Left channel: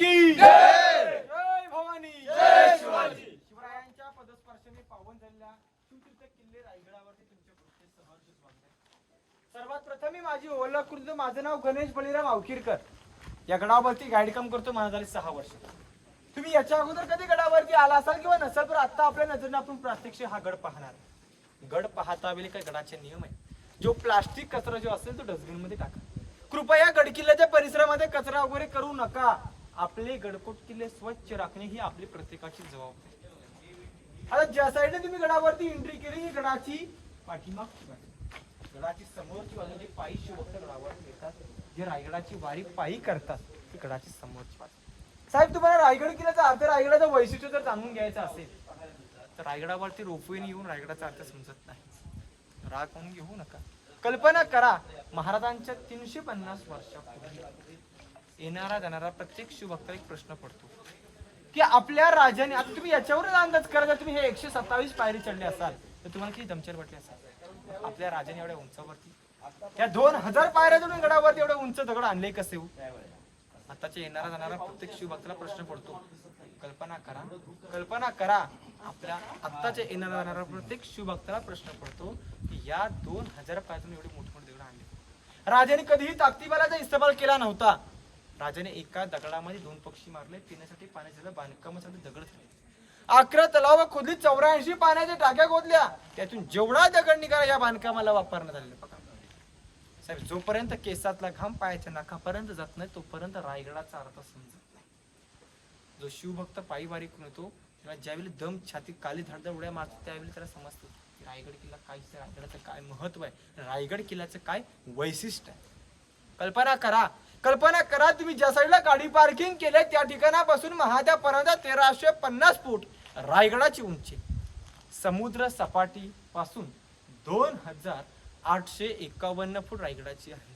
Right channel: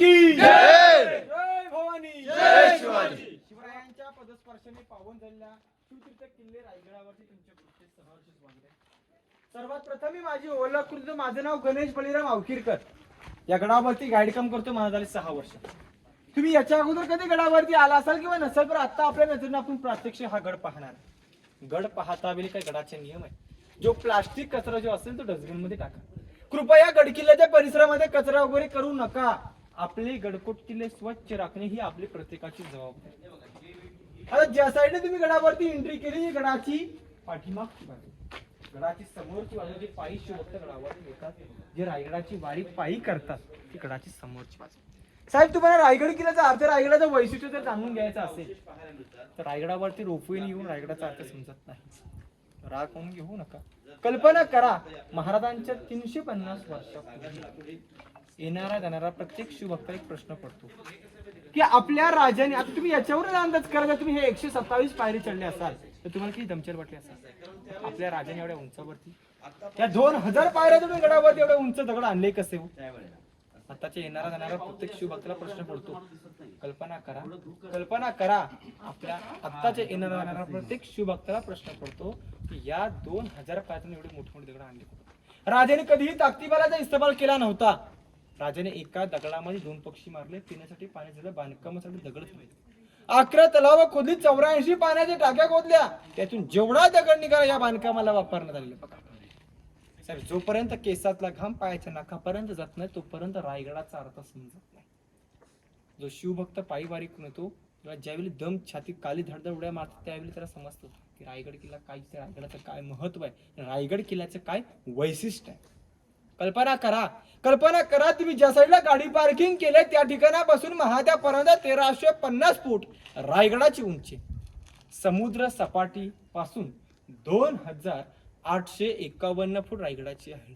की जय भवानी जय शिवाजी. शिवरायांच्या पदस्पर्शाने पावन झालेल्या शिवतीर्थ किल्ले रायगडावरती तुमच्या कृती सहर्ष स्वागत आहे. सर्वात प्रथम मी माझी ओळख करून, माझं नाव गणेश बळीराम अवखीरकर. या गडावरती गाईड काम करतो. मला झाले 6 वर्ष. तुम्ही याच्या अगोदर कधी गडावरती आला असाल किंवा नसेल, पण आता आपल्या नजरेने आपण प्रात्यक्षिक हा गड पाहणार. गड पाहता वेळी काही गडाचे नियम आहे. जो प्लास्टिक कचरा जो असेल तो डस्टबिन मध्ये टाका. कृपया गडकिल्ल्याच्या परिसरामध्ये कचरा वगैरे करू नका. आपले गडकोट किल्ले स्वच्छ राखणे ही आपली प्रत्येकाची जबाबदारी. आता ज्या साईडने तुम्ही गडावरती एंट्री केली, ही गडाची पाठीमागची बाजू, गडाची समोरची बाजू, जे पायी शिवभक्त गडावर येतात, जे रायगडाची वारी पायी करतात, ती गडाची समोरची बाजू. साहेब, तुम्हाला रायगड किल्ल्याचा अर्थ, रायगडाचं वैशिष्ट्य जर जाणून घ्यायचं असेल तर रायगडावरती रोपवेने येऊन रायगडाचा अर्थ समजत नाही. राग म्हणून घेऊ नका. कल्पना करा, महाराजांच्या 350 वर्षापूर्वी येणारा जाणारा प्रत्येक शिवभक्ताला एक प्रश्न पडतो की आपल्या राजाने, आता तुम्ही याच्यावरून अंदाज करा, जर तुम्ही हे 127 पायरी चढले असाल तर तुम्हाला किती दमछल वाटली असाल. आपल्या राजाने एवढ्या उंचावरती, त्या 2000 पायऱ्या तुम्ही गडावरती एवढ्या उंच दगड आणले कसे हो? आताच्या येणारा जाणारा प्रत्येक शिवभक्ताला प्रश्न पडतो. कल्पना करा, आपल्या आत्ताच्या येणारा जाणारा प्रत्येक शिवभक्ताला प्रश्न पडतो की या 2000 पायऱ्यातून एवढे मोठमोठे दगड आणले. राजाने कधीही ताकदीबालाचा इस्तेमाल केला नव्हता. राजाने एका दगडामध्ये 2 पक्षी मारले, पिण्यासाठी पाणी झालं, बांधकामासाठी दगड झाले. 11 तलाव खोदली, 84 पाण्याच्या टाक्या खोदल्या, त्यातून जेवढा दगड निघाला या बांधकामाला वापरण्यात आलेला. बघा साहेब, जोपर्यंत केसातला घाम पायाच्या नाकापर्यंत जात नाही तोपर्यंत रायगडाचा अर्थ समजत नाही. जो शिवभक्त पायी वारी करून येतो, तेव्हा ज्यावेळी दम छाती काली धडधड उड्या मारतो, त्यावेळी त्याला समजतं की रायगड किल्ला काय, रायगडाचं काय महत्व आहे, रायगड किल्ल्याचं काय वैशिष्ट्य आहे. कल्पना करा, तुम्ही ज्या साईडला गाडी पार्किंग केले त्या ठिकाणापासून महाद्यापर्यंत 1350 फूट रायगडाची उंची. समुद्र सपाटी पासून 2851 फूट रायगडाची आहे.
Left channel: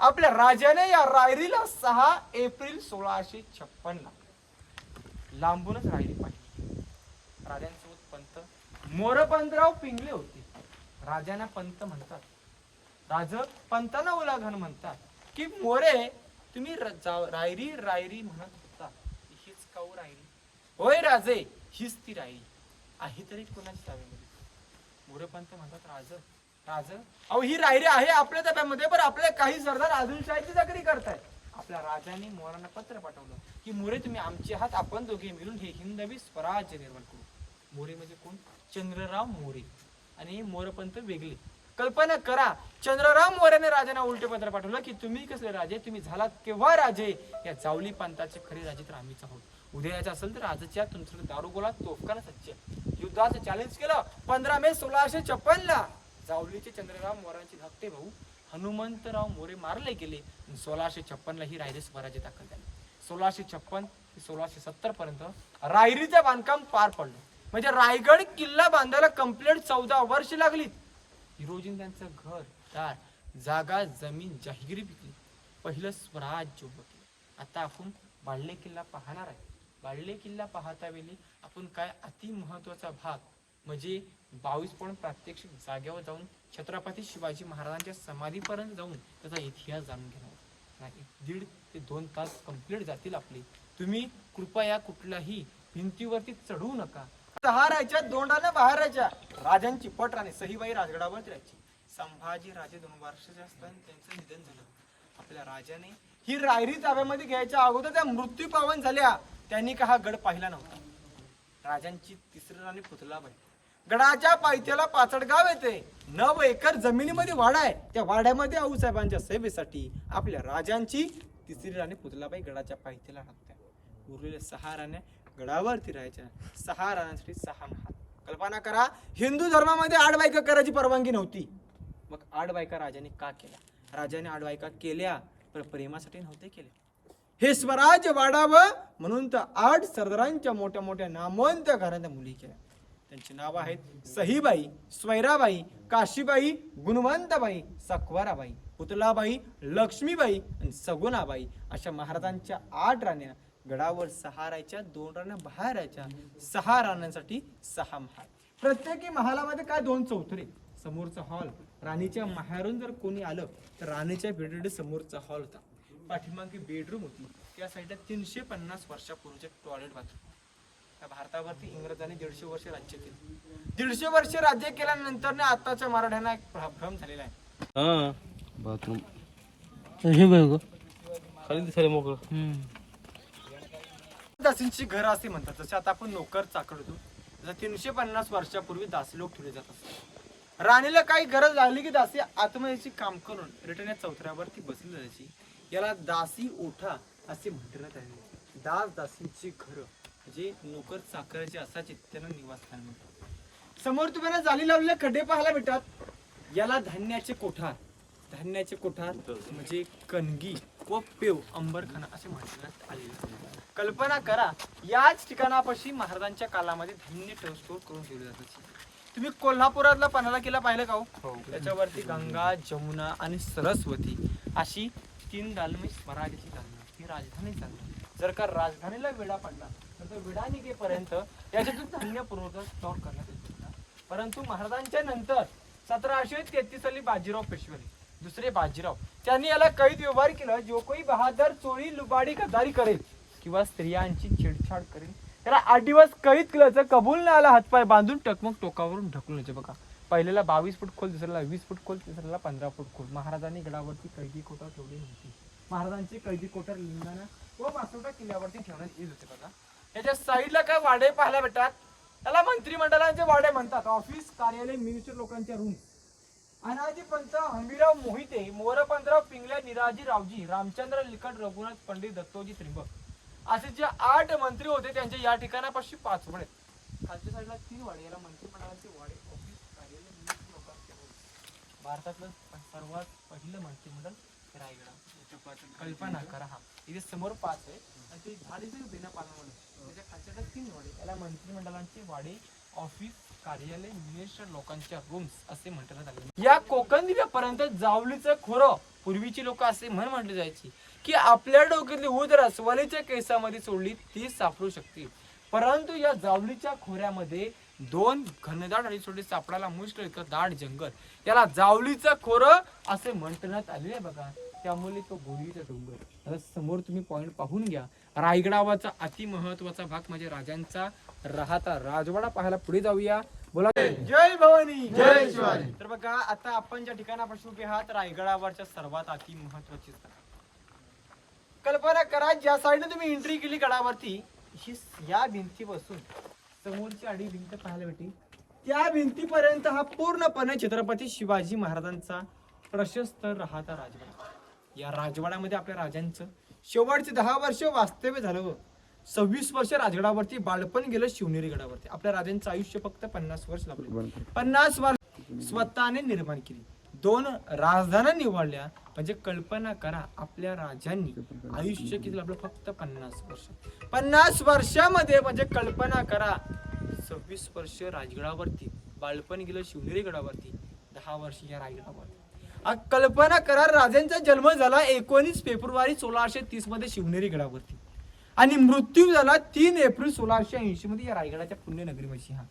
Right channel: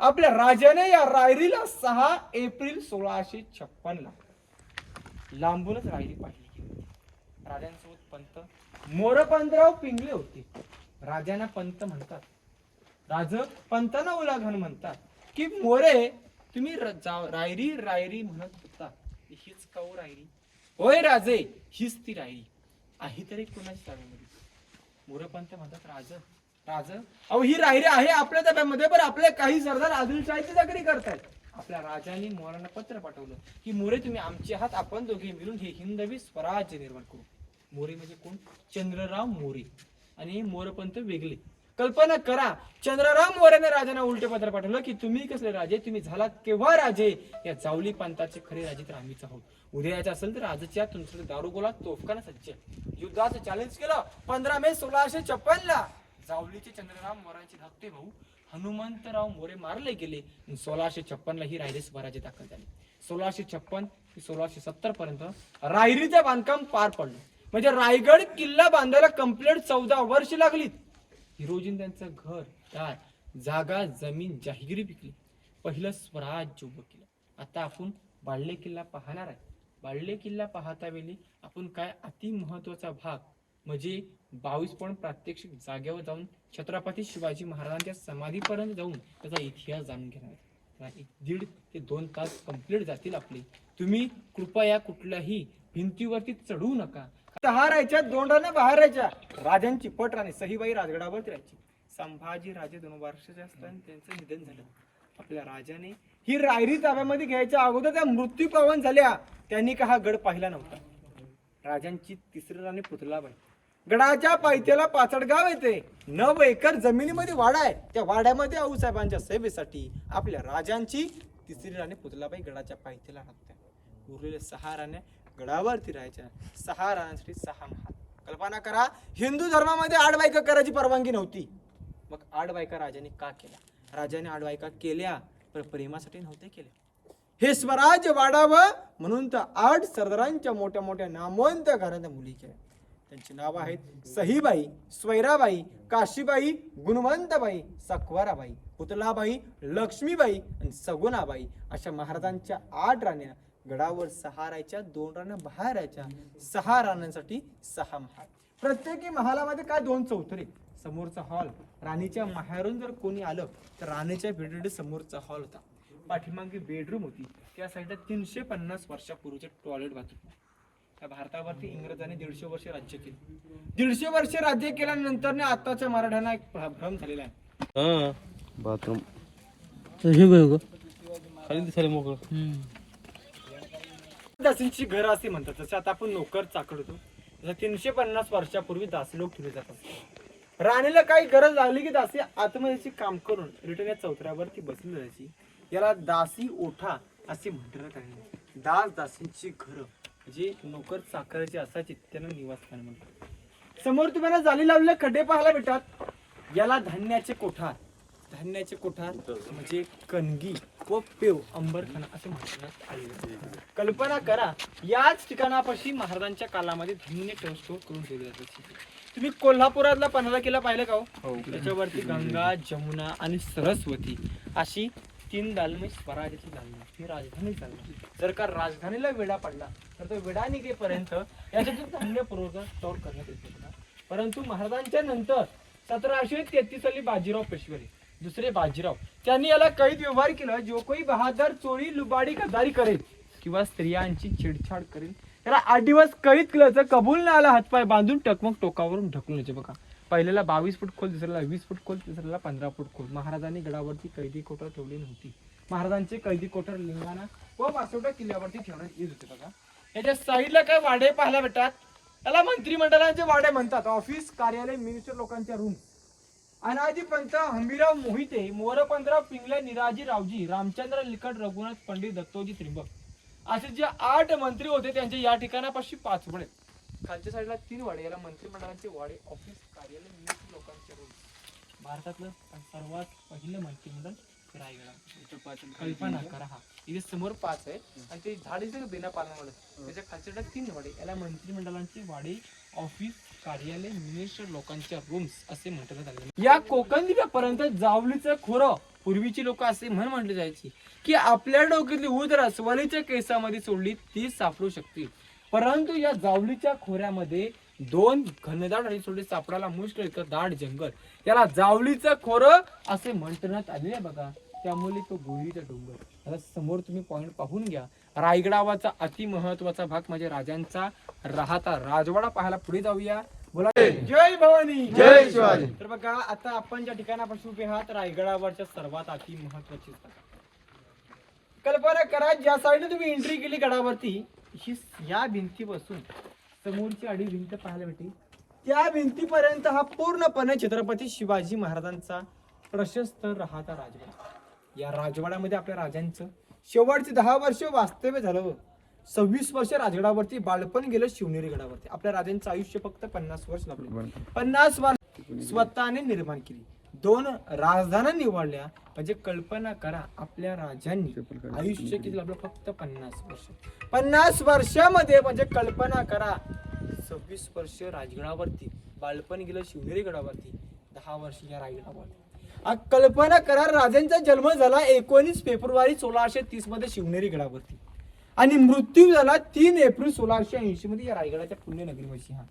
आपल्या राजाने या रायरीला 6 एप्रिल 1656 ला लांबूनच रायरी पाहिली. राजांसोबत पंत मोरपंतराव पिंगले होते. राजांना पंत म्हणतात, राज पंतांना उलाघन म्हणतात की मोरे तुम्ही रायरी रायरी म्हणत होता, हीच का हो रायरी? होय राजे, हीच ती रायरी आहे. तरी कोणाची ताब्यामध्ये? मोरपंत म्हणतात, राज अहो ही रायरी आहे आपल्या ताब्यामध्ये, पण आपले काही सरदार आदिलशाहीची चाकरी करतायत. आपल्या राजांनी मोरांना पत्र पाठवलं की मोरे तुम्ही आमचे आहात, आपण दोघे मिळून हे हिंदवी स्वराज्य निर्माण करू. मोरे म्हणजे कोण? चंद्रराव मोरे आणि मोरपंत वेगळे. कल्पना करा, चंद्रराव मोरेने राजांना उलटे पत्र पाठवलं की तुम्ही कसले राजे, तुम्ही झालात केव्हा राजे? या जावली पंथाचे खरे राजे तर आम्हीच आहोत. उद्या यायचं असेल तर राजाच्या तुमचं दारुगोळा तोफखाना सज्ज. युद्धाचं चॅलेंज केलं. 15 मे 1656 ला जावलीचे चंद्रराव मोरांचे धाकटे भाऊ हनुमंतराव मोरे मारले गेले. 1656 ला ही रायरी स्वराज्य दाखल झाली. 1656 ते 1670 पर्यंत रायरीचं बांधकाम पार पडलं. म्हणजे रायगड किल्ला बांधायला कंप्लीट 14 वर्ष लागली. हिरोजीन त्यांचं घर, दार, जागा, जमीन जाहीर विकली. पहिलं स्वराज्य उभं केलं. आता आपण बाळले किल्ला पाहणार आहे. बाळले किल्ला पाहता वेळी आपण काय अति महत्वाचा भाग म्हणजे 22 पॉइंट प्रात्यक्षिक जागेवर जाऊन छत्रपती शिवाजी महाराजांच्या समाधीपर्यंत जाऊन त्याचा इतिहास जाणून घेणार. 1.5 ते 2 तास कंप्लीट जातील आपले. तुम्ही कृपया कुठल्याही भिंतीवरती चढू नका. राहायच्या 2 राण्या बाहेर राहायच्या. राजांची पट राणी सहीबाई राजगडावर राहायची. संभाजी राजे 2 वर्षाचे असताना त्यांचं निधन झालं. आपल्या राजाने ही रायरी ताब्यामध्ये घ्यायच्या अगोदर त्या मृत्यू पावन झाल्या. त्यांनी का हा गड पाहिला नव्हता. राजांची 3री राणी पुतलाबाई. गडाच्या पायथ्याला पाचडगाव येते. 9 एकर जमिनीमध्ये वाडा आहे. त्या वाड्यामध्ये आऊसाहेबांच्या सेवेसाठी आपल्या राजांची 3री राणी पुतलाबाई गडाच्या पायथ्याला राहत्या. उरलेल्या 6 राण्या गडावरती राहायच्या. 6 राण्यांसाठी 6 महाल. कल्पना करा, हिंदू धर्मामध्ये 8 बायका करायची परवानगी नव्हती. मग 8 बायका राजाने का केल्या? राजाने 8 बायका केल्या पण प्रेमासाठी नव्हते केल्या. हे स्वराज्य वाढावं म्हणून तर 8 सरदारांच्या मोठ्या मोठ्या नामवंत घराण्या मुली केल्या. त्यांची नावं आहेत सहीबाई, स्वैराबाई, काशीबाई, गुणवंतबाई, सकवाराबाई, पुतलाबाई, लक्ष्मीबाई आणि सगुणाबाई. अशा महाराजांच्या 8 राण्या गडावर 6 राहायच्या, 2 राण्या बाहेर राहायच्या. 6 राण्यांसाठी 6 महाल. प्रत्येकी महालामध्ये काय 2 चौथरे. समोरचा हॉल, राणीच्या माहेरून जर कोणी आलं तर राणीच्या भेटीसाठी समोरचा हॉल होता. पाठीमागे बेडरूम होती, त्या साईडला 350 वर्षापूर्वीचे टॉयलेट बाथरूम. त्या भारतावरती इंग्रजांनी 150 वर्ष राज्य केले. 150 वर्ष राज्य केल्यानंतर ना आताच्या मराठ्यांना एक भ्रम झालेला आहे. बाथरूम खाली दिसायला मोकळं. दासींची घर असे म्हणतात. जसे आता आपण नोकर चाकड होतो, तसं 350 वर्षापूर्वी दासी लोक ठेवले जातात. राणीला काही गरज लागली की दासी आत्महत्येचे काम करून रिटर्न या चौथऱ्यावरती बसली जायची. याला दासी ओठा असे म्हटलं आहे. दास दासींची घर जे नोकर चाकराचे असायचे त्यांना निवासस्थान म्हणतात. समोर तुम्हाला जाली लावलेले खड्डे पाहायला भेटतात. याला धान्याचे कोठार, धान्याचे कोठार म्हणजे कणगी व पेव अंबरखाना असे म्हणण्यात आले. कल्पना करा, याच ठिकाणापाशी महाराजांच्या काळामध्ये धान्य स्टोर करून ठेवले जातात. तुम्ही कोल्हापुरातला पन्हाळा किल्ला पाहिलं का हो? त्याच्यावरती गंगा, जमुना आणि सरस्वती अशी 3 दालने स्वराज्याची दालने, ही राजधानी चालली. जर का राजधानीला वेढा पडला तर तो वेढा निघेपर्यंत याच्यातून धान्य पुरवठा स्टोर करण्यात येत होता. परंतु महाराजांच्या नंतर 1733 साली बाजीराव पेशवे, दुसरे बाजीराव, त्यांनी याला कैद व्यवहार केला. जो कोई बहादर चोरी लुबाडी गद्दारी करेल किंवा स्त्रियांची छेडछाड करेल त्याला 8 दिवस कैद केलं. जर कबूल नाही आला हातपाय बांधून टकमक टोकावरून ढकलून यायचे. बघा, पहिल्याला 22 फूट खोल, दुसऱ्याला 20 फूट खोल, तिसऱ्याला 15 फूट खोल. महाराजांनी गडावरती कैदी कोठर ठेवली नव्हती. महाराजांचे कैदी कोठर लिंगाणा व मासोटा किल्ल्यावरती ठेवण्यात येत होते. बघा, याच्या साईडला काय वाडे पाहायला भेटतात. त्याला मंत्रिमंडळाचे वाडे म्हणतात. ऑफिस, कार्यालय, मिनिस्टर लोकांच्या रूम. अनाजी पंत, हंबीराव मोहिते, मोरपंतराव पिंगले, निराजी रावजी, रामचंद्र लिकट, रघुनाथ पंडित, दत्तोजी त्रिंबक असे जे 8 मंत्री होते त्यांचे या ठिकाणापाशी 5 वाडे. खालच्या साईडला 3 वाडे. याला मंत्रिमंडळाचे वाडे, ऑफिस, कार्यालय, मिनिस्टर लोकांचे रूम. भारतातलं सर्वात पहिलं मंत्रिमंडळ रायगड. कल्पना करा. हा इथे समोर 5 आहे आणि ते झाडीचे बेना पालनामुळे त्याच्या खालच्या 3 वाडे. याला मंत्रिमंडळांचे वाडे, ऑफिस, कार्यालय, मिनिस्टर लोकांच्या रूम्स असे म्हणण्यात आले. या कोकण दिव्यापर्यंत जावलीचं खोरं पूर्वीची लोक असे म्हटले जायची की आपल्या डोक्यातली ऊद रसवालीच्या केसामध्ये सोडली ती सापडू शकते. परंतु या जावलीच्या खोऱ्यामध्ये 2 घनदाट आणि सोडले सापडायला मुश्किल इतकं दाट जंगल. याला जावलीचं खोरं असे म्हणण्यात आले आहे. बघा, त्यामुळे तो गोळीचा डोंगर. आता समोर तुम्ही पॉइंट पाहून घ्या. रायगडावाचा अति महत्वाचा भाग म्हणजे राजांचा राहता राजवाडा पाहायला पुढे जाऊया. बोला, जय भवानी, जय शिवाजी. तर बघा, आता आपण ज्या ठिकाणापासून उभे आहात रायगडावरच्या सर्वात अति महत्वाची कल्पना करा. ज्या साईडने तुम्ही एंट्री केली गडावरती, ही या भिंतीपासून समोरची आडी भिंत पाहायला भेटेल. त्या भिंतीपर्यंत हा पूर्णपणे छत्रपती शिवाजी महाराजांचा प्रशस्त राहता राजवाडा. या राजवाड्यामध्ये आपल्या राजांचं शेवटचे 10 वर्ष वास्तव्य झालं. 26 वर्ष राजगडावरती बाळपण गेलं. शिवनेरी गडावरती आपल्या राजांचं आयुष्य फक्त 50 वर्ष लागले. 50 वर्ष स्वतःने निर्माण केली. 2 राजधान्या निवडल्या. म्हणजे कल्पना करा, आपल्या राजांनी आयुष्य किती आपलं फक्त 50 वर्ष. 50 वर्षामध्ये म्हणजे कल्पना करा, 26 वर्ष राजगडावरती बाळपण गेलं. शिवनेरी गडावरती 10 वर्ष या रायगडावरती. कल्पना करा, राजांचा जन्म झाला 19 फेब्रुवारी 1630 मध्ये शिवनेरी गडावरती आणि मृत्यू झाला 3 एप्रिल 1680 मध्ये या रायगडाच्या पुण्यनगरीमध्ये. हा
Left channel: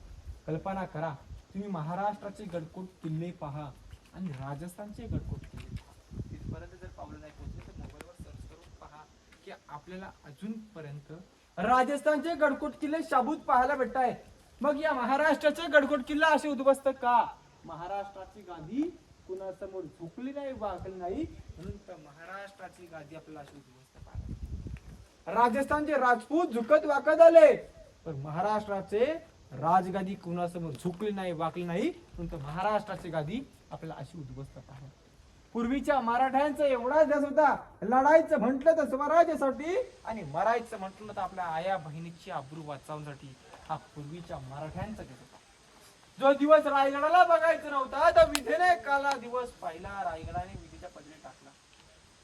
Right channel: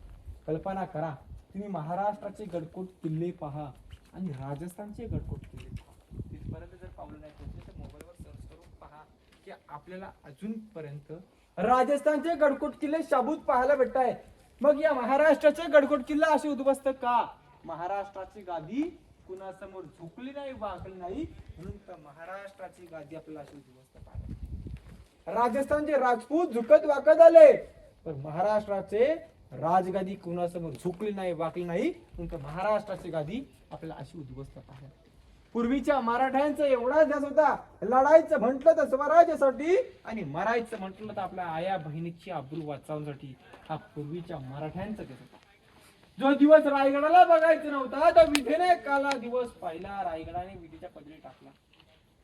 कल्पना करा, तुम्ही महाराष्ट्राचे गडकोट किल्ले पहा आणि राजस्थानचे गडकोट किल्ले तिथपर्यंत जर पावलं नाही पोहोचले तर मोबाईलवर सर्च करून पहा की आपल्याला अजूनपर्यंत राजस्थानचे गडकोट किल्ले शाबूत पाहायला भेटत आहे. मग या महाराष्ट्राचे गडकोट किल्ला असे उद्ध्वस्त का? महाराष्ट्राची गादी कुणासमोर झुकली नाही, वाकली नाही, म्हणून तर महाराष्ट्राची गादी आपल्याला अशी उद्ध्वस्त पाहायला. राजस्थानचे राजपूत झुकत वाकत आले, पण महाराष्ट्राचे राजगादी कुणासमोर झुकली नाही, वाकली नाही, म्हणून तर महाराष्ट्राची गादी आपल्याला अशी उद्ध्वस्त पाहायला. पूर्वीच्या मराठ्यांचा एवढा ध्यास होता, लढायचं म्हटलं तर स्वराज्यासाठी आणि मरायचं म्हटलं तर आपल्या आया बहिणीची आबरू वाचवण्यासाठी. हा पूर्वीच्या मराठ्यांचा ध्यास होता. जो दिवस रायगडाला बघायचं नव्हता तर विधीने काला दिवस पाहिला, रायगडाने विधीच्या पदरी टाकला.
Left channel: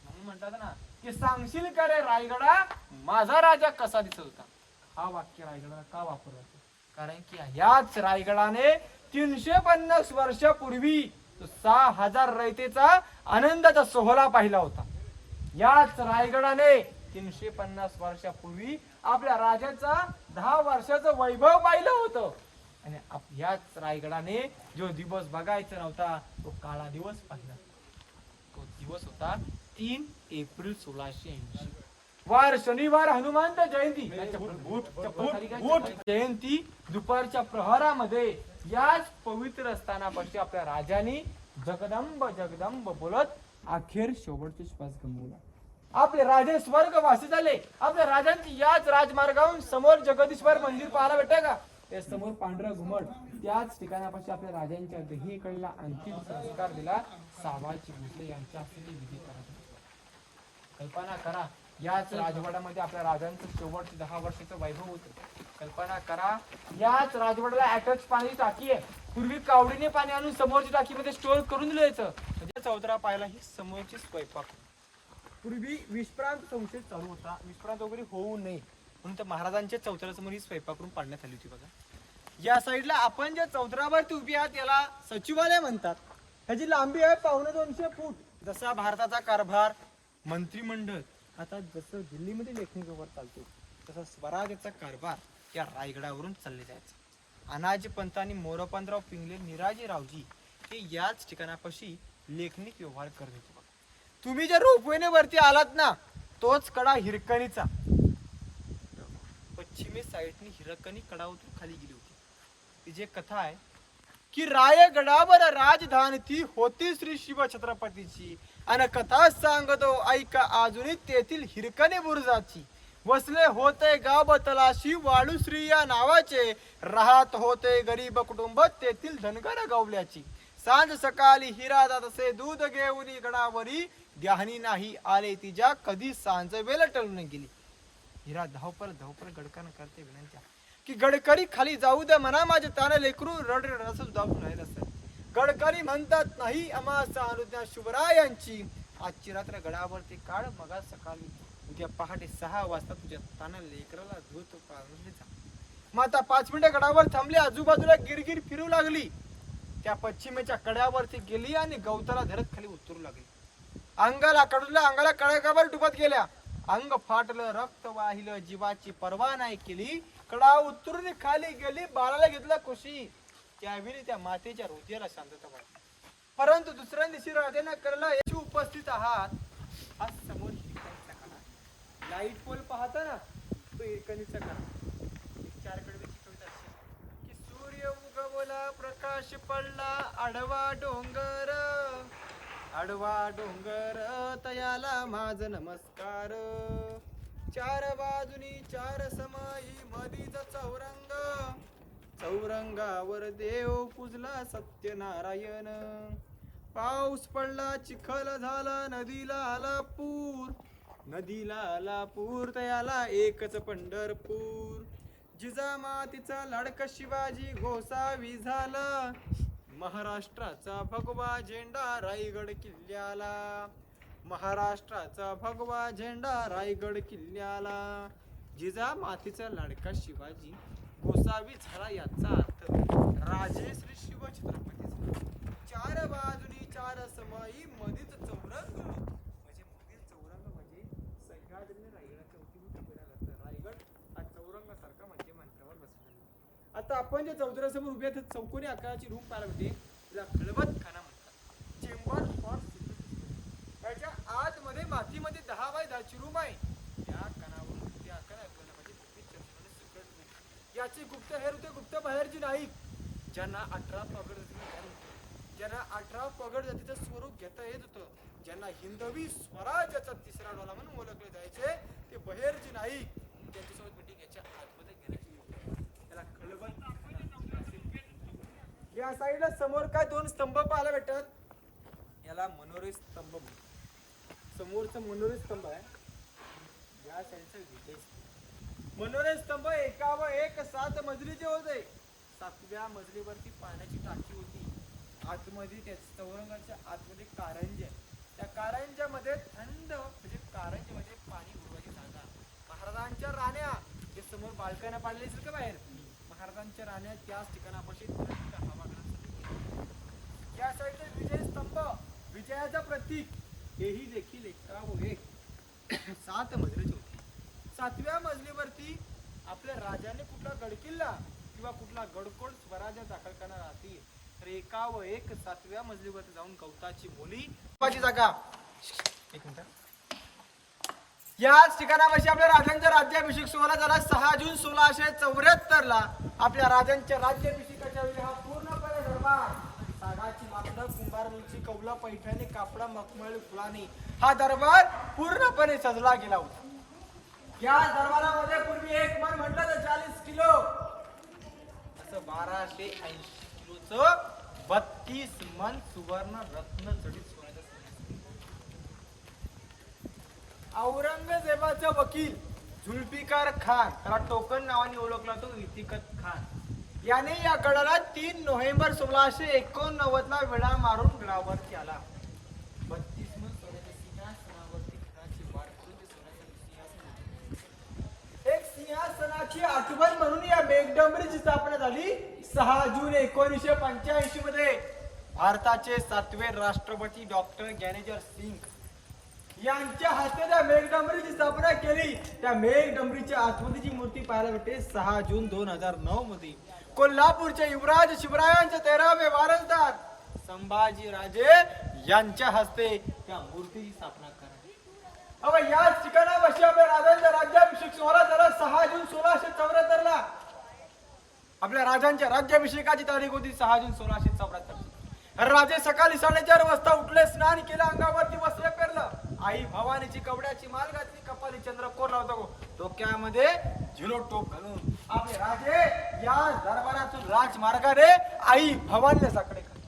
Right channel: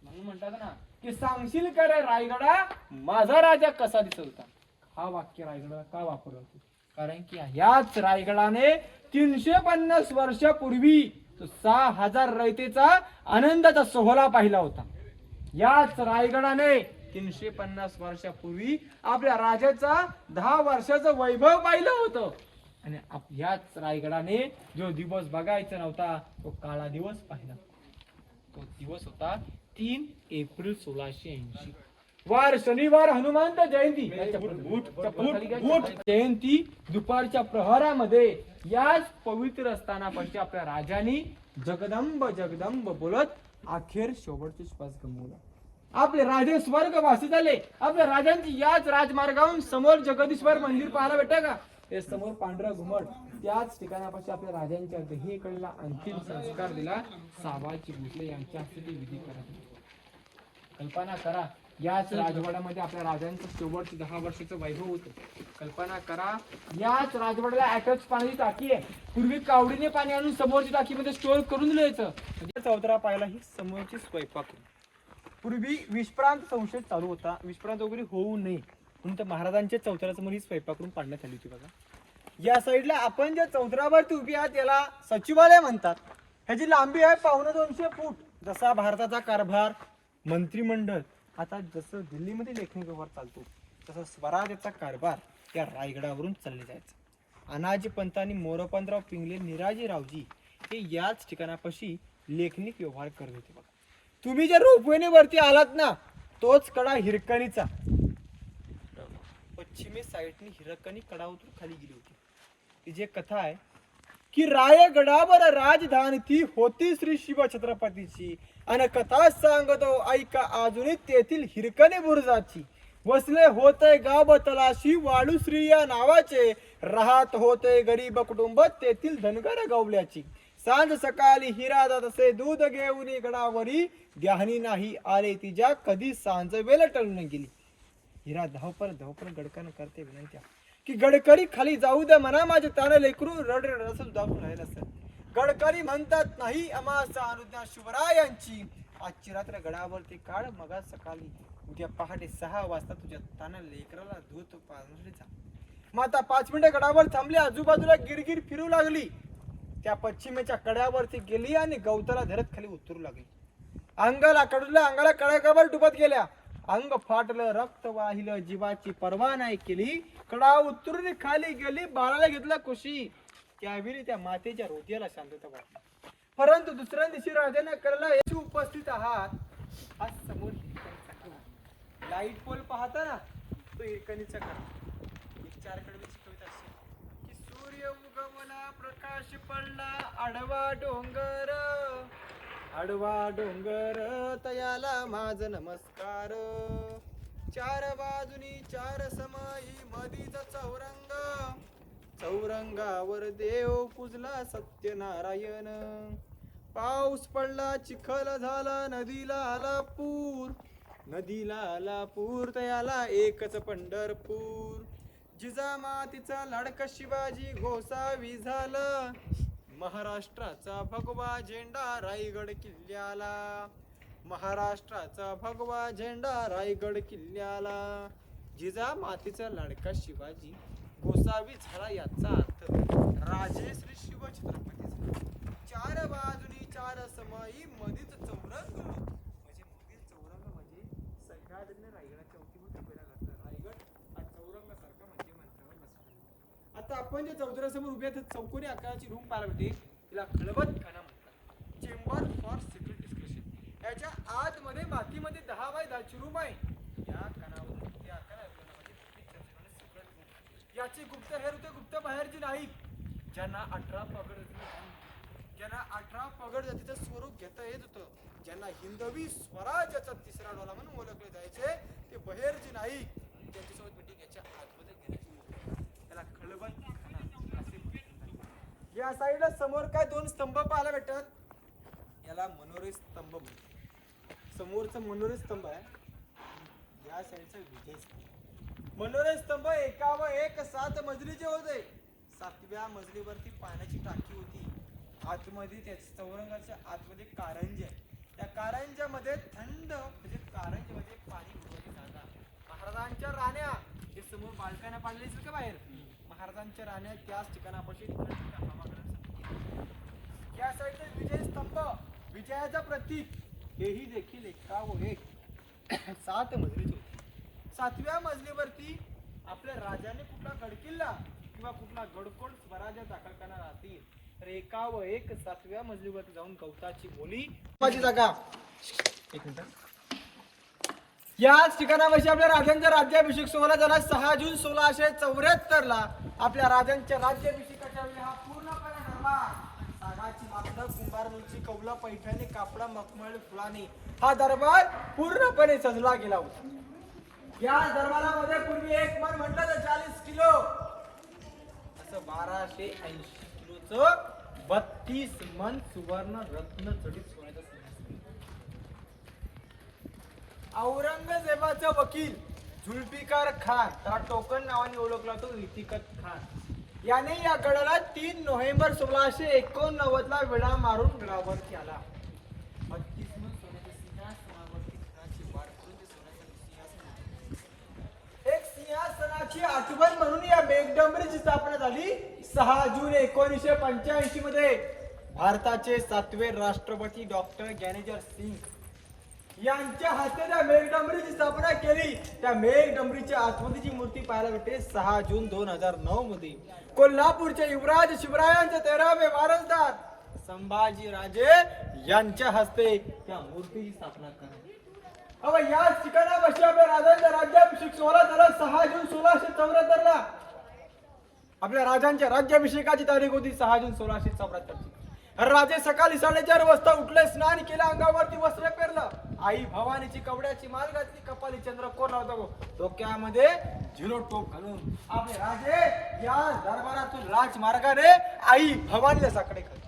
म्हणून म्हणतात ना की सांगशील का रे रायगडा माझा राजा कसा दिसत होता. हा वाक्य रायगडाला का वापरलं, कारण की याच रायगडाने 350 वर्षापूर्वी 6000 रयतेचा आनंदाचा सोहळा पाहिला होता. याच रायगडाने 350 वर्षापूर्वी आपल्या राजाचा 10 वर्षाचं वैभव पाहिलं होतं. आणि याच रायगडाने जो दिवस बघायचा नव्हता तो काळा दिवस पाहिला. तो दिवस होता 3 एप्रिल 1680 वार शनिवार हनुमंत जयंती जयंती दुपारच्या प्रहरामध्ये याच पवित्र स्थानापाशी आपल्या राजांनी जगदंब जगदंब बोलत अखेर शेवटचे श्वास गमवला. आपले राजे स्वर्गवासी झाले. आपल्या राजांची याच राजमार्गावरून समोर जगदीश्वर मंदिर पाहायला भेटतं का? ते समोर पांढरा घुमट त्याच ठिकाणापाशी आपल्या राजांच्या दहीकडला अंतिम संस्कार दिला. सावाजी भोसले यांच्या हस्ते ते विधी करत. कल्पना करा याच राजवाड्यामध्ये आपल्या राजांचं शेवटचे 10 वर्षाचं वैभव होतं. कल्पना करा याच राजवाड्याला अटॅच पाण्याची टाकी आहे. पूर्वी कावडीने पाणी आणून समोरच्या टाकीमध्ये स्टोअर करून द्यायचं. म्हणजे चौतरा पाहायला ही समोरची स्वयंपाक. पूर्वी विषप्रांत संशय चालू होता. विषप्रांत वगैरे होऊ नये म्हणून त्या महाराजांच्या चौतऱ्यासमोर ही स्वयंपाक करून पाडण्यात आली होती. बघा या साईडला आपण ज्या चौतरावरती उभी आहात याला सचिवालय म्हणतात. ह्याची लांबी आहे 250 फूट. जसा भारताचा कारभार मंत्रिमंडळ आता जसं दिल्लीमध्ये लेखणी व्यवहार चालतो तसं स्वराज्याचा कारभार त्या रायगडावरून चालले जायचं. अनाजी पंत आणि मोरोपंतराव पिंगले निराजी रावजी हे याच ठिकाणापाशी लेखनिक व्यवहार करत होते. बघा तुम्ही जर रोपवेने वरती आलात ना तोच कडा हिरकणीचा. पश्चिमी साईडने हिरकणी कडावरून खाली गेली होती. ती जी कथा आहे की रायगडावर राजधानी ती होती श्री शिव छत्रपतीची आणि कथा सांगतो ऐका अजूनही तेथील हिरकणी बुरुजाची. वसले होते गाव तलाशी वाळूश्री या नावाचे. राहत होते गरीब कुटुंब तेथील धनगर गवल्याची. सांज सकाळी हिरा जात असे दूध घेऊन गडावरी. ध्यानी नाही आले तिच्या कधी सांज वेळ टळून गेली. हिरा धावपर गडकन करते विनंत्या की गडकरी खाली जाऊ द्या म्हणा माझे ताने लेकरू रड रड जाऊ राहिलं असेल. गडकरी म्हणतात नाही अमासा अनुज्ञा शिवरायांची. आजची रात्र गडावरती काढ मग सकाळी उद्या पहाटे 6 वाजता तुझ्या ताना लेकराला धूत पाजली. माता 5 मिनिटे गडावर थांबली. आजूबाजूला गिरगिर फिरू लागली. त्या पश्चिमेच्या कड्यावरती गेली आणि गवताला धरत खाली उतरू लागली. अंगाला कड्यावर डुबत गेल्या. अंग फाटलं रक्त वाहिलं जीवाची पर्वा नाही केली. कडा उतरून खाली गेली. बाळाला घेतला कुशी. त्यावेळी त्या मातेच्या हृदयाला शांतता वाटली. परंतु दुसऱ्या दिवशी राजाने कळलं याची उपस्थित आहात. आज समोर लाईट पोल पाहता ना तो हिरकणीचा विचार कडे शिकवत असेल की सूर्य उगवला प्रकाश पडला आडवा डोंगर तयाला माझ नमस्कार. 4 बाजूनी 4 समाई मधीच चौरंगावर देव पूजला सत्यनारायण. पाऊस पडला चिखल झाला नदीला आला पूर तयाला एकच पंढरपूर. जिजामातीचा लाडका शिवाजी गोसावी झाला. महाराष्ट्राचा भगवा झेंडा रायगड किल्ल्याला. जिजामातीचा लाडका शिवाजी गोसावी झाला याचा अर्थ राजे श्री शिव छत्रपती झाला. 4 बाजूनी 4 समाई मधीच चौरंग. म्हणजे मधील चौरंग म्हणजे सह्याद्रीने रायगडाच्या अवतीभोवती फिरायला लागतं. रायगड हा चौरंगासारखा म्हणजे मंत्रावर बसला. आता आपण जे चौतऱ्यासमोर उभे आहेत चौकोनी आकाराची रूम पाहायला भेटते. तिला खलबत खाना चेंबर फॉर सिक्रेट डिस्कशन. याच्या आतमध्ये मातीमध्ये 10 बाय 10 ची रूम आहे. याची गुप्त बाहेरची नाही. ज्यांना 18 पगड जातीचं स्वरूप घेता येत होतं. ज्यांना हिंदवी स्वराज्याचा 3रा डोला म्हणून ओळखले जायचे ते बहेरची नाही. त्यांच्यासोबत मीटिंग याच्या आतमध्ये घेण्याची त्याला खळबत खाना. या साईडला समोर काय 2 स्तंभ पाहायला भेटतात. याला मनोरे स्तंभ म्हणतात. समोरचं मनोरे स्तंभ आहे. या साईडचा मनोरे स्तंभ एकावर एक 7 मजलीचे होते. 7व्या मजलीवरती पाण्याची टाकी होती. आतमध्ये त्या चौरंगाच्या आतमध्ये कारंजे. त्या कारंजामध्ये थंड म्हणजे कारंजेमध्ये पाणी ठेवायची जागा. महाराजांच्या राण्या हे समोर बाल्कन्या पाडलेली असेल का बाहेर. महाराजांच्या राण्या त्याच ठिकाणापाशी. या साईडला विजय स्तंभ विजयाचं प्रतीक. हेही देखील एकावर एक 7 मजलीचे होते. 7व्या मजलीवरती आपल्या राजाने कुठला गडकिल्ला किंवा कुठला गडकोट स्वराज्य दाखल करणार असतील तर एकावर एक 7व्या मजलीवरती जाऊन गवताची बोली जागा एक मिनिट. याच ठिकाणापाशी आपल्या राजांचा राज्याभिषेक सोहळा झाला 6 जून 1674 ला. आपल्या राजांच्या राज्याभिषेकाच्या वेळी हा पूर्णपणे दरबार सागाची मात्र कुंभारमुळची कौला पैठणी कापडा मखमली फुलांनी हा दरबार पूर्णपणे सजला गेला होता. या दरबारामध्ये पूर्वी एक मन म्हटलं तर 40 किलो असं 1280 किलोचं 32 मन सुवर्ण रत्न जडित सोन्याचं औरंगजेबाचा वकील जुल्फिकार खान, त्याला टोकन नावाने ओळखला तो इतिकत खान, याने या गडाला 3 नोव्हेंबर 1689 ला विडा मारून गडावरती आला. 32 मन सोन्याच्या सिंहासनावरती खणाची वाढ करून ते सोन्याचं सिंहासन, एक सिंहासनाची आठवण म्हणून या मेघडंबरीची स्थापना झाली 6 जून 1985 मध्ये. भारताचे 7वे राष्ट्रपती डॉक्टर ज्ञानेश्वर सिंग यांच्या हस्ते त्या मेघडंबरीची स्थापना केली. त्या मेघडंबरीच्या आतमधीची मूर्ती पाहायला भेटते 6 जून 2009 मध्ये. कोल्हापूरचे युवराज शिवरायांचे 13वे वारसदार संभाजी राजे यांच्या हस्ते त्या मूर्तीची स्थापना करण्यात. अब याच ठिकाणापाशी आपल्या राजांच्या राज्याभिषेक सोहळा झाला 6 जून 1674 ला. आपल्या राजांच्या राज्याभिषेकाची तारीख होती 6 जून 1674. राजे सकाळी 4:30 वाजता उठले, स्नान केलं, अंगावरती वस्त्र पेरलं, आई भवानीची कवड्याची माळ घातली, कपाली चंद्रकोर लावतो, डोक्यामध्ये झिरो टोप घालून आपले राजे या दरबारातून राजमार्गाने आई भवानीला साकडे करतात.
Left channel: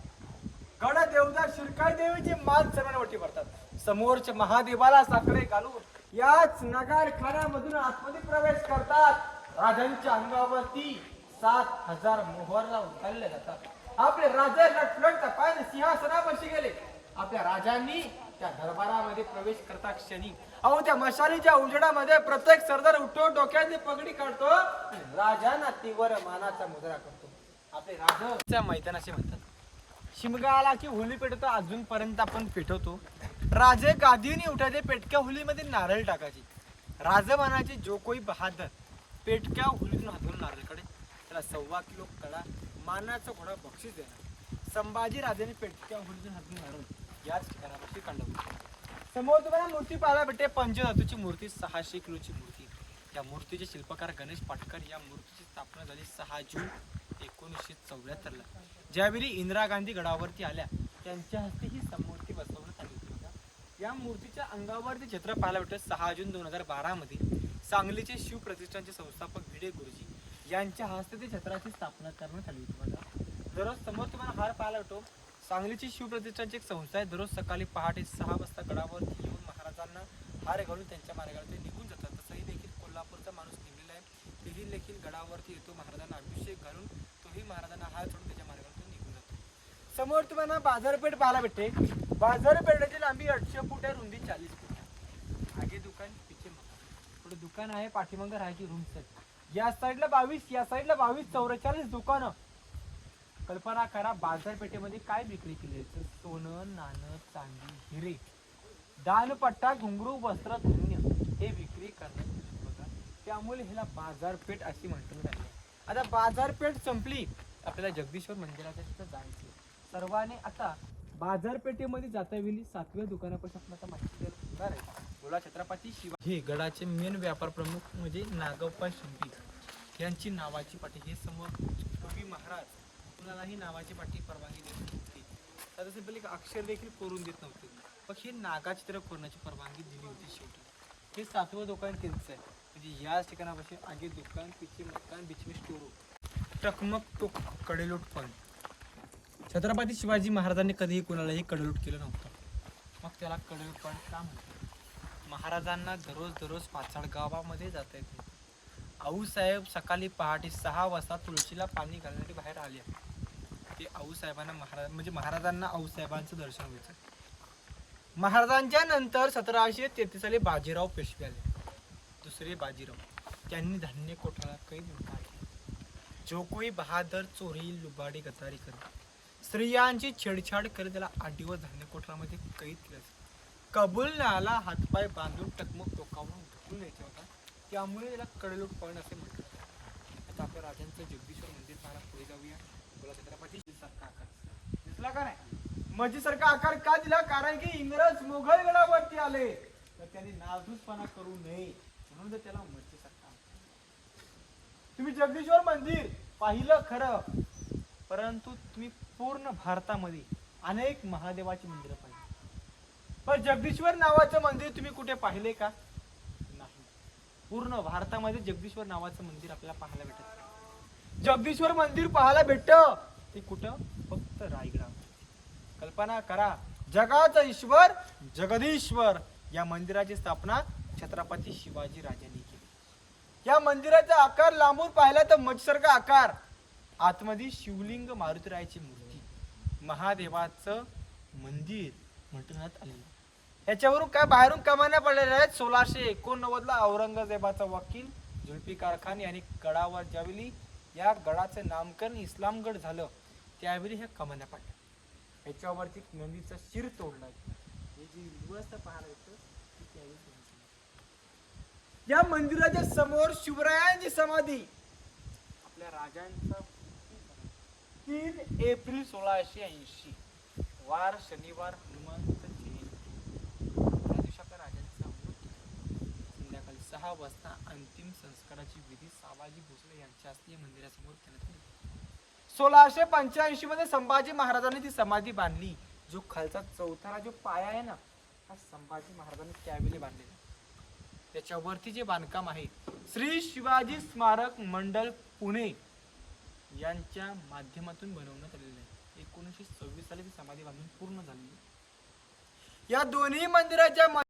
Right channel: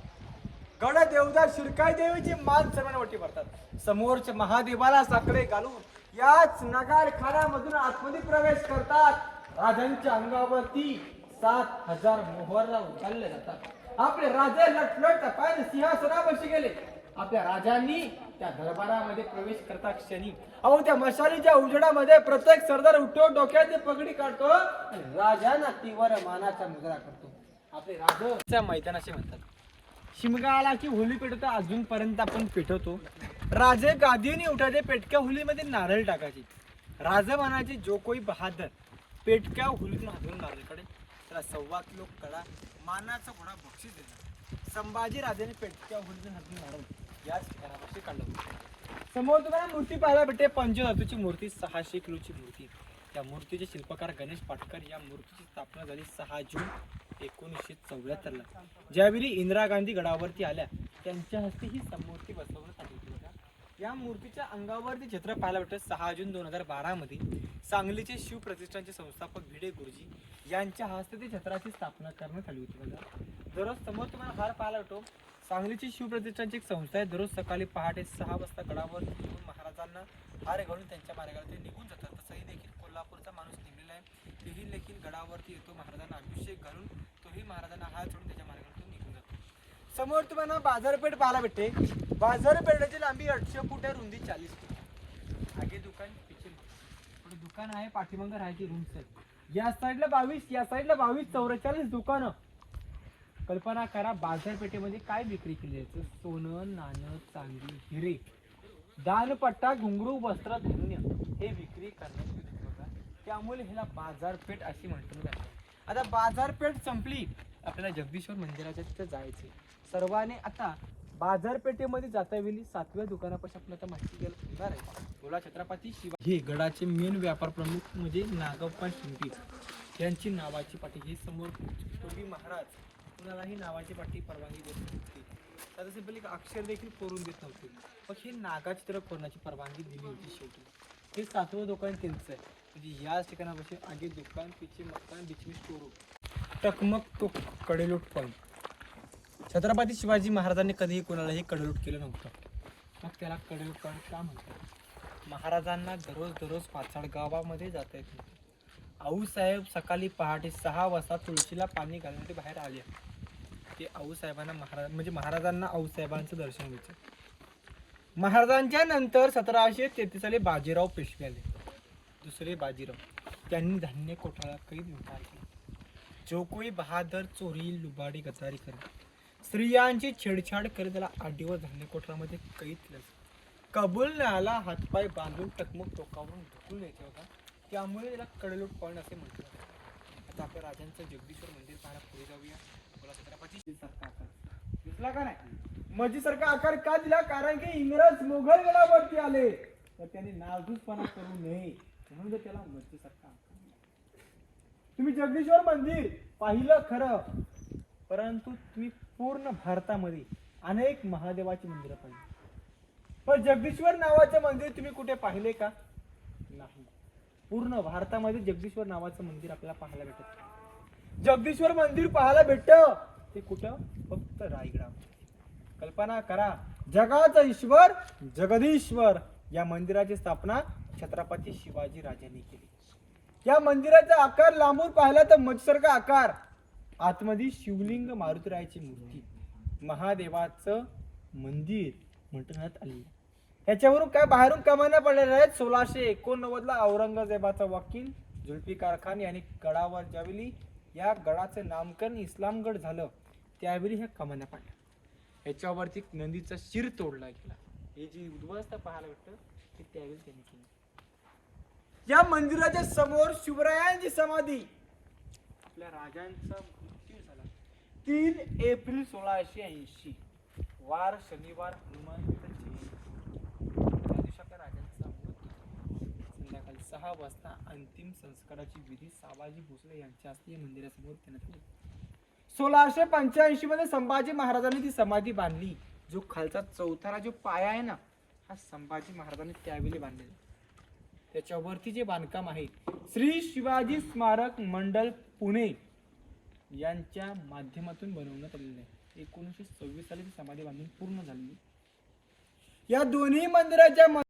गण देवता शिरकाई देवीची मान सर्वांवरती भरतात. समोरचे महादेवाला साकडे घालून याच नगारखान्यामधून आतमध्ये प्रवेश करतात. राजांच्या अंगावरती 7000 मोहरा उचलले जातात. आपले राजे लटलट पाय सिंहासनावरती गेले. आपल्या राजांनी त्या दरबारामध्ये प्रवेश करता क्षणी अहो त्या मशालीच्या उजेडामध्ये प्रत्येक सरदार उठतो, डोक्याने पगडी काढतो, राजांना तीव्र मानाचा मुजरा करतो. आपले राजा मैदान असे म्हणतात. शिमगा आला की होली पेटवतो, अजूनपर्यंत आपण पेटवतो. राजे गादीने उठायचे, पेटक्या होलीमध्ये नारळ टाकायचे. राजे म्हणायचे जो कोई बहादर पेटक्या होलीतून हातून नारळकडे त्याला 1.25 किलो कडा मानाचा घोडा बक्षीस देणार. संभाजी राजाने पेटक्या होलीतून हातून नारळ याच घरावरती काढलं होतं. समोर तुम्हाला मूर्ती पाहायला भेटते. पंचधातूची मूर्ती 600 किलोची मूर्ती. त्या मूर्तीचे शिल्पकार गणेश पाटकर. या मूर्तीची स्थापना झाली 6 जून 1974 ला. ज्यावेळी इंदिरा गांधी गडावरती आल्या त्यांच्या हस्ते ही मूर्ती बसवण्यात आली होती. या मूर्तीच्या अंगावरती चित्र पाहायला भेटते. 6 जून 2012 मध्ये सांगलीचे शिवप्रतिष्ठानचे संस्थापक भिडे गुरुजी यांच्या हस्ते ते छत्राची स्थापना करण्यात आली होती. बघा दररोज समोर तुम्हाला हार पाहायला भेटतो. सांगलीची शिवप्रतिष्ठानची एक संस्था आहे. दररोज सकाळी पहाटे 6 वाजता गडावर येऊन महाराजांना हार घालून त्यांच्या मार्गावरती निघून जातात. तसंही देखील कोल्हापूरचा माणूस निघलेला आहे. तिथून देखील गडावरती येतो, महाराजांना अभिषेक घालून तोही महाराजांना हार सोडून त्याच्या मार्गावरती निघून जातो. समोर तुम्हाला बाजारपेठ पाहायला भेटते. बाजारपेठेची लांबी 800 फूट आहे, रुंदी 40 फूट. आगे दुकान पिछे पुढे दुकान आहे, पाठीमागे राहायची रूम सेट. या साईडला 22, या साईडला 22, 44 दुकानं. कल्पना करा बाजारपेठेमध्ये काय विक्री केली आहे. सोनं, नाणं, चांदी, हिरे, दानपट्टा, घुंगरू, वस्त्र, धान्य हे विक्री करण्यात. त्यामुळे ह्याला बाजारपेठ अशी म्हटली आहे. आता बाजारपेठ संपली, आपल्याला जगदीश्वर मंदिराच्या तिथं जायचं. सर्वांनी आता बाजारपेठेमध्ये जाता वेळी 7व्या दुकानापासून आपल्याला माहिती घ्यायला होणार आहे. बोला छत्रपती शिवाजी हे गडाचे मेन व्यापार प्रमुख म्हणजे नागप्पा शिंदे यांची नावाची पाटी. हे समोर पूर्वी महाराज कुणालाही नावाची पाटी परवानगी देत नव्हती. आता सिंपली अक्षर देखील कोरून देत नव्हते, पण ही नागाचित्र कोरण्याची परवानगी दिली होती. शेवटी हे 7वं दुकान त्यांचं आहे. म्हणजे याच ठिकाणापासून आगे दुकान, पिचे मकान, बिजनेस स्टोर, टकमक तो कडेलोट पॉईंट. छत्रपती शिवाजी महाराजांनी कधीही कोणालाही कडेलोट केलं नव्हतं. मग त्याला कडेलोट पॉईंट का म्हणतात. महाराजांना दररोज पाचाड गावामध्ये जाता येत नव्हते. आऊसाहेब सकाळी पहाटे 6 वाजता तुळशीला पाणी घालण्यासाठी बाहेर आले. ते आऊसाहेबांना महाराजांना आऊसाहेबांचं दर्शन घ्यायचं. महाराजांच्या नंतर 1733 साली बाजीराव पेशवे आले. दुसरे बाजीराव. त्यांनी धान्य कोठाळा कैद नकार केला. जो कोई बहादर चोरी, लुबाडी, गद्दारी करत, स्त्रियांची छेडछाड करत त्याला 8 दिवस धान्य कोठारामध्ये कैद केलं. कबूल नाला हातपाय बांधून टकमक टोकावरून ढकलून द्यायचा होता. त्यामुळे त्याला कडेलोट पॉईंट असे म्हटलं जातं. आता आपल्या राजांचं जगदीश्वर मंदिर पाहण्यात पुढे जाऊया. बोला छत्रपती दिसला का नाही. मस्जिदसारखा आकार का दिला? कारण की इंग्रज मोगल गडावरती आले तर त्यांनी नासधूसपणा करू नये म्हणून ते त्याला मस्जिदसारखा आकार दिला. तुम्ही जगदीश्वर मंदिर पाहिलं खरं, परंतु तुम्ही पूर्ण भारतामध्ये अनेक महादेवाची मंदिरं पाहिली, पण जगदीश्वर नावाचं मंदिर तुम्ही कुठे पाहिले का? नाही. पूर्ण भारतामध्ये जगदीश्वर नावाचं मंदिर आपल्याला पाहायला भेटत नाही. जगदीश्वर मंदिर पाहायला भेटतं ते कुठं? फक्त रायगडावर. कल्पना करा, जगाचा ईश्वर जगदीश्वर या मंदिराची स्थापना छत्रपती शिवाजी राजांनी केली. या मंदिराचा आकार लांबून पाहिला तर मजसारखा आकार, आतमध्ये शिवलिंग, मारुतीरायाची मूर्ती, महादेवाचं मंदिर म्हणण्यात आले. याच्यावरून काय बाहेरून कमान्या पडलेल्या आहेत. 1689 ला औरंगजेबाचा वकील जुल्फिकार खान यांनी गडावर ज्यावेळी या गडाचं नामकरण इस्लामगड झालं त्यावेळी ह्या कमान्या पडल्या. याच्यावरती नंदीचा शिर तोडला गेला. हे जी उद्ध्वस्त पाहायला भेटतं ते त्यावेळी त्यांनी केलं. या मंदिराच्या समोर शिवरायांची समाधी, आपल्या राजांचा मृत्यू झाला 3 एप्रिल 1680 वार शनिवार, हनुमान जयंती. त्या दिवशी आपल्या राजांचा मृत्यू संध्याकाळी 6 वाजता अंतिम संस्काराची विधी सावाजी भोसले यांच्या हस्ते मंदिरासमोर करण्यात आली. 1685 मध्ये संभाजी महाराजांनी ती समाधी बांधली. जो खालचा चौथरा जो पाया आहे ना, हा संभाजी महाराजांनी त्यावेळी बांधलेला. त्याच्यावरती जे बांधकाम आहे श्री शिवाजी स्मारक मंडळ पुणे यांच्या माध्यमातून बनवण्यात आलेलं आहे. 1926 साली ती समाधी बांधून पूर्ण झाली. या दोन्ही मंदिराच्या